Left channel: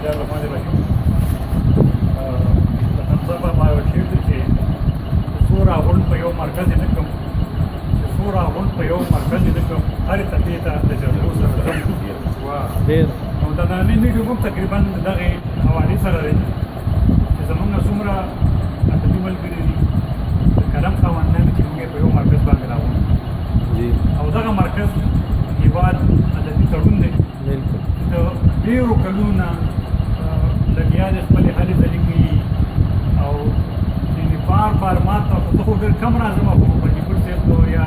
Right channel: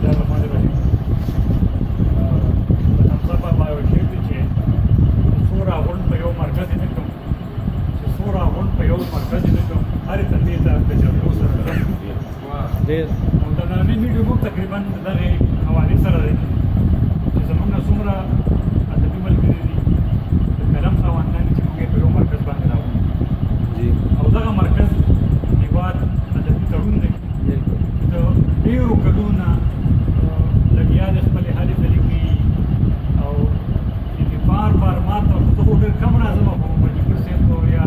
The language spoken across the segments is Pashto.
الله الرحمن الرحیم د حمزه بابا یو شعر دی چې سور غونډ په یو مرکز نه کوم سور غونډ په یو مرکز نه کوم هرې تپې ته د جرګو سره ډېر نو د نننۍ ویډیو موږ تقریبا دغې حوالې سره دی چې زموږ نه څومره ادبي ملګري دي د قلم خاوندان چې موږ په یو مرکز باندې راغلو او دغه مرکز هېواد ادبي تړون دی د ډېرو کلونو نه لګیا دی خپلې هلې ځلې کوي او یعنې بار بار ما ته خو زه خو ډېر کم راځم خو بندیګل صاحب ته یا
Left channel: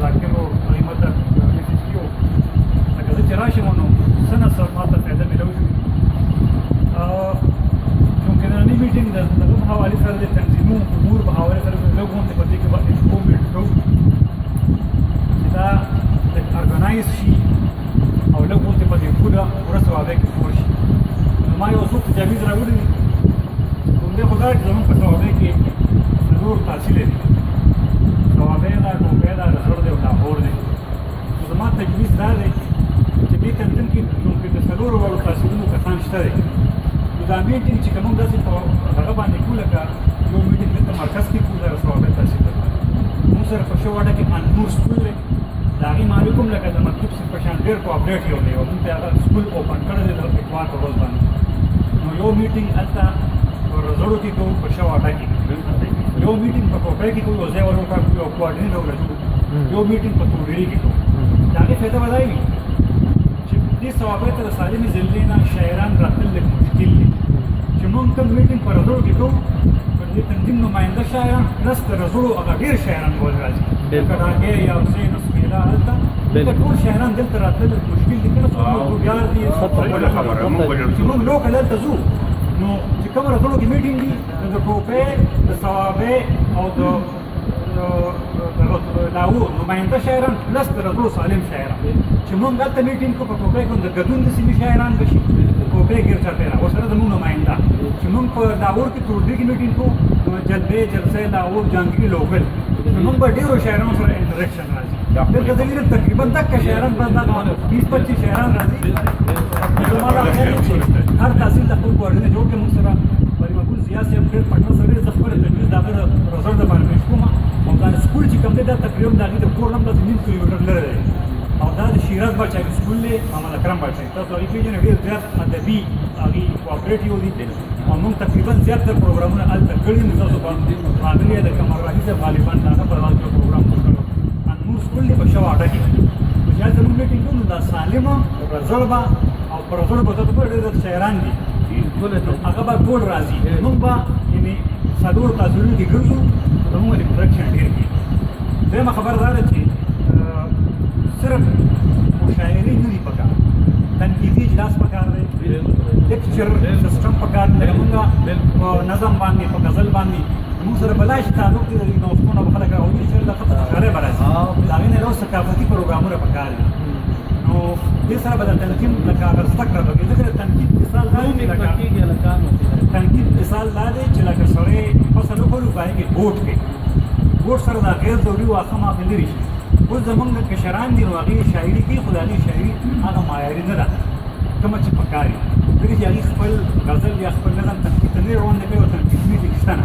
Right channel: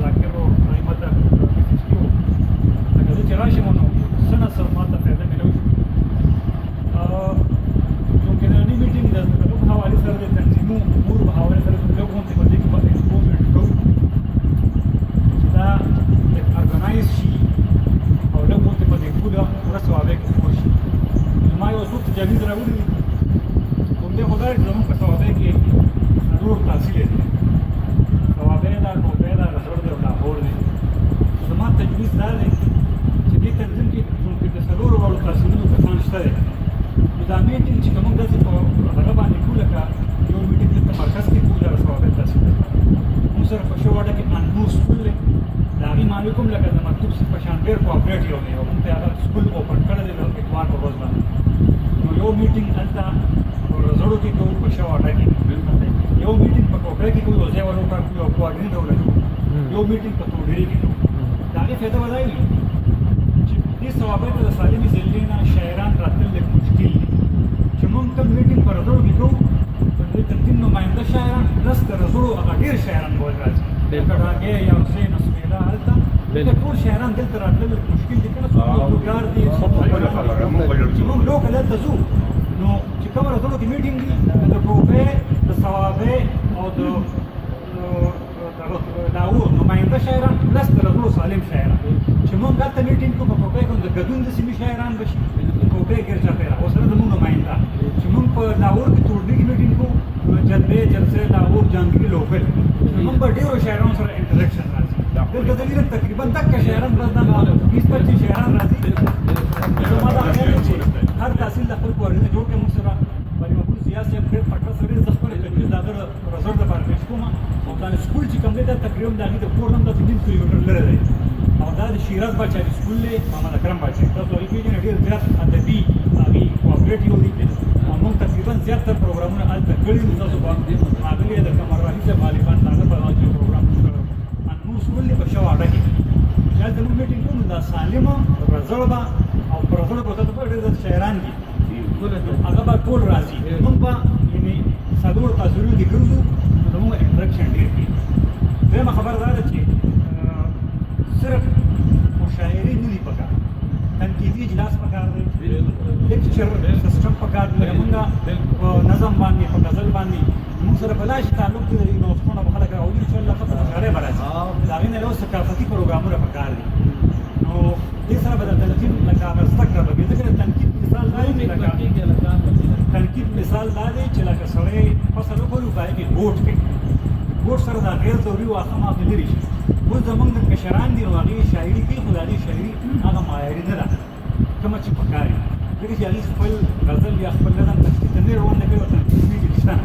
ذاکر هغې ما ته میسج کړي وو لکه زه چې راشم نو څه نه څه ما ته فایده میلاو شي چونکې نننۍ میټینګ د دغه په حوالې سره د تنظیمو امور په حوالې سره لږ غونډې په دې کې به امپرومنټ کوو چې دا ارګنایز شي او لږ غونډې په دې پوره ورځوالۍ کې جوړ شي نو ما یو څو تجاویز راوړي دي همدې خو دا چې زموږ په ثوابۍ کې څلور تحصیلې دي ثوابۍ ده ټوپۍ ده رسړ دی او لاهور دی نو زما تجویز دا دی چې دې تنظیم کې چونکې د څلورو واړو تحصیلونو کسان شته دی نو دا میټینګ چې که موږ داسې په هغه باندې کړو لکه یو میټینګ دلته مرکز کې کړو د ثوابۍ تحصیل ده موږ سره په شو واټه کې انور سکول دی د هغې مالک هم لکه د مکتوب صاحب په شان ډېر کوآپریټ یو دی او موږ ته هغه سکول اوپن کړی دی د اتوار په ورځ باندې نو یو میټینګ هلته په رزړو کې کوو په شو واټه کې یو میټینګ په کوپۍ کې کوو یو ځای ور وټاکو یو کوارډینیټر ولګو یو میټینګ په توډېري کې کوو د هغې فایده به دا وي چې دې ثوابۍ ته د سالمې ضلعې نه شاعران راتلل لږ مشکل دي چې موږ کوم میټینګ په رزړو کې کوو په دې تنظیم نماینده شاعران پلس د رزړو هغه ډېر شاعران به راځي لکه ډاګی یا حسین اسمیلا هلته دلته ټول شاعران دلته راتلل مشکل دي کله څوک لوګیار دي چې موږ لوکل هلته ځو نو چې کوم رزړو کې میټینګ دي د ټوپۍ د ثوابۍ او د لاهور نماینده شاعران پلس د رزړو سالم شاعران چې موږ دلته میټینګ کوو په ټوپۍ کې د ګډون د سیمې شاعران به شي ټوپۍ ګیر چاپېره ورسره زموږ نماینده چې موږ په لاهور کې توډري کې میټینګ کوو جلبۍ جلسۍ لاهور جهانګیري لوکل نو موږ به ډېرو شاعرانو سره انټریکشن راځي دلته دلیل تقریبا دکه شاعران به دغه 20-25 شاعران راځي زما دا خیال دی چې هر تحصیل د خپل کوارډینیټ جوړ کړي موږ سره ولی مقبول ضیا صاحب ډېر پټه سړی زه خپله تجویز د هغه د رزړ دپاره پېښ کوم او دا سکول چې کوم دی دا تقریبا د هغې د کور نه هم داسې 1.5 کیلومیټر لرې دی او دا د شیراز باچایي سکول دی محمد اکرم باچایي تاسو هغې پېژنئ ډېر زیات ادبي هغې کوآپریټیو دي او موږ تقریبا زیاتره پروګرامونه هلته کړي دي تاسو باندې معاملې د قمر واحد صاحب غالبا د هغه په هغه پروګرام کړی انور سکول دی په شواډه کې چې هلته موږ میټینګ کوو نو دا سالمه رزړ به او په رزړ به دلته ډېر شاعران دي هغه به ټول راځي موږ به یعنې څلورو تحصیلونو کې ګرځو نو زموږ انټریکشن ډېر کېږي دویمه خبره دا ده چې صرف مشاعرې نه دي پکار تنقیدي اجلاس پکار دی لیکچر سسټم پکار دی لکه موږ په نظم باندې په غزل باندې موږ سره بلا شي تعلق دی د نوښتونو به خلک راوړي انشاءالله ښه مشاعرې به راځي د هغې نه یو ثقافتي پروګرامونه پکار دي نو دې سره به د تلقین لکه هغه زده کړه به وي ځکه د تنقید مثال دا دی لکه تنقید مثال دا دی چې لکه سړی فصل وکړو په هغې کې ګوټ کوي ګوټ سره د غیر ضروري واښه مافې لرې شي اوس زموږ د کشران دي نو هغې شاعري کوي خو د هغې شاعري هغه معیاري نه ده کومه چې پکار وي ځکه چې هغې خپل غزل یا خپل نظم تنقید ته نه روان نه کوي او تنقیدي میټینګ شته نه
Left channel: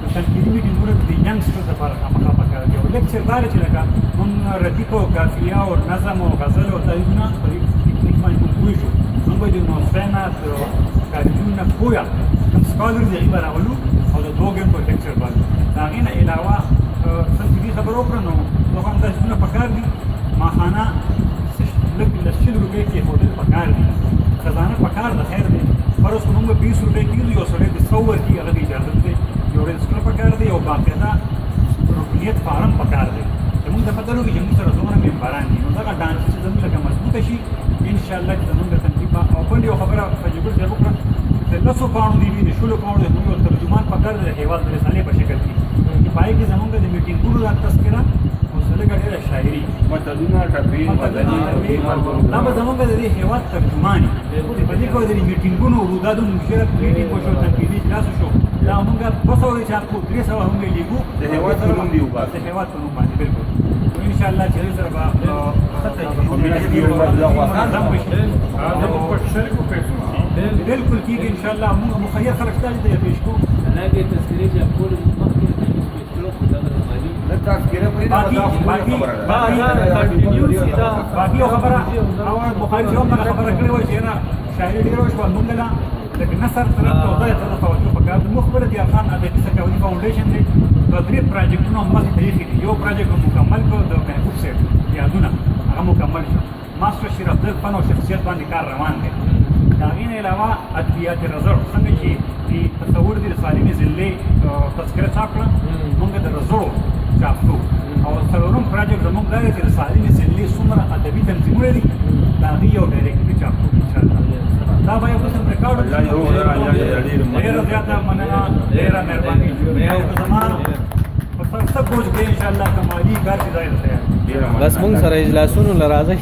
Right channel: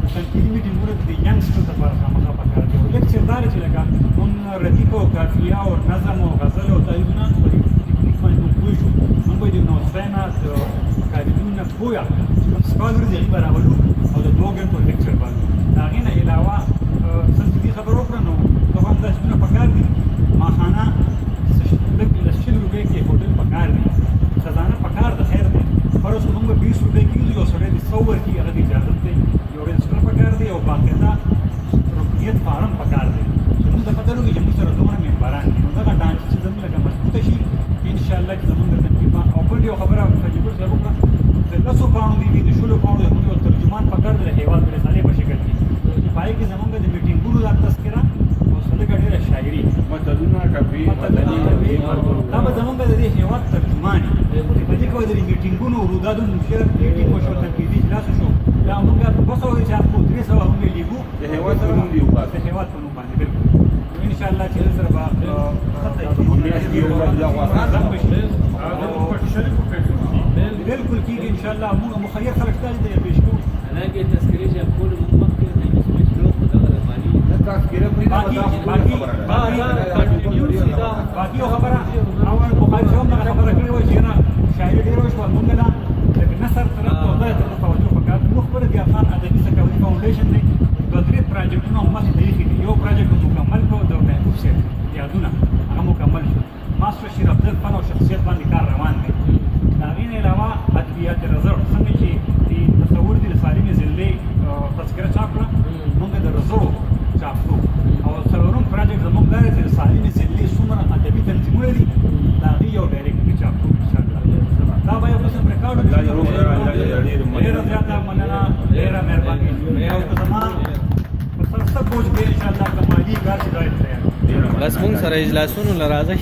نو تنقیدي میټینګونه د ینګسټر دپاره خامخا پکار دي او لیکچر دا دی چې لکه موږ ردیف او قافیه او نظم او غزل او تاییدونه په دې ټکنیک باندې موږ پوه شو موږ به د نوښتۍ نه د کاریدونو نه پوه کوم سکالر دي هغې به راولو او د 2 ګنټو لیکچر باندې د هغې نه علاوه څنګه دې خبر وکړه نو دغه هم داسې پکار دي ماخانه لږ له 100 روپۍ کې هوټل پکار دي خزانه پکار د خیر دی فرض کړو موږ 20 روپۍ کېږي یو سړی د 100 ورکړي هغه د اجازت دی یو رجسټر پکار دی او باقاعده رکنیت فارم پکار دی چې موږ ته پته لګي چې موږ سره څومره ممبران دي نو دغه ډانچې چې زموږ لکه مضبوطه شي انشاءالله چې زموږ د تنظیم به او بل یو خبره تجربه صاحب وکړه د 10 پاڼو دي د 16 پاڼو زموږ یو ترجمان پکار دی د هېواد د رسالې په شکل کې چې په هغې کې زموږ د میټینګونو دا تذکره او لږه ډېره شاعري متلونه ټپې دا به زموږ د دې هېواد ترجمان وي په دې کې به د میټینګونو رویدادونو مشترک میټینګ وشو تنقیدي اجلاس وشو دا موږ 200 چاپو 300 هم لیکو د هېواد په نوم دی د هېواد په نوم باندې بالکل انشاءالله چې سره به امید دی بالکل کېږي انشاءالله موږ مخیر خلک ستاسو ته پیش کوو حالانکه تذکرې چې کول مخکې مشکلو خو دغه مالي باقي یو خبره او بخاري چې هم دغه خبره کړې وه چې نه شاعري ډېره وشوه موږ نه لکه نثر طرف ته غلط طرف توجه پکار ده موږ خپله د افغان ادبي ثقافتي فاونډیشن دی دوه درې پراجکټونه هم مخې ته ایښي دي یو پراجکټ مو مکمل کړو د محبوب صاحب یادونه هغه مکمل شو ماسټر شیر افضل فن او شخصیت باندې کار روان دی د هغې نه علاوه ادبیات رزړ څنګه چې د تصور دي د سالمې ضلعې تذکره چاپ کړه موږ د رزړو چاپ کړو او څلورم پراجکټ زموږ دا دی چې د سالمې ضلعې څومره ادبي تنظیمونه دي د هغې یو ډایرکټري چاپ کړو انشاءالله دا به یو قسم ریکارډ ډېره زیاته مننه ډېره مهرباني او که زما په سر څه بوج دی انشاءالله که مالي کار چې دا یې تیار بس مونږ سره اجلاسونو له راځئ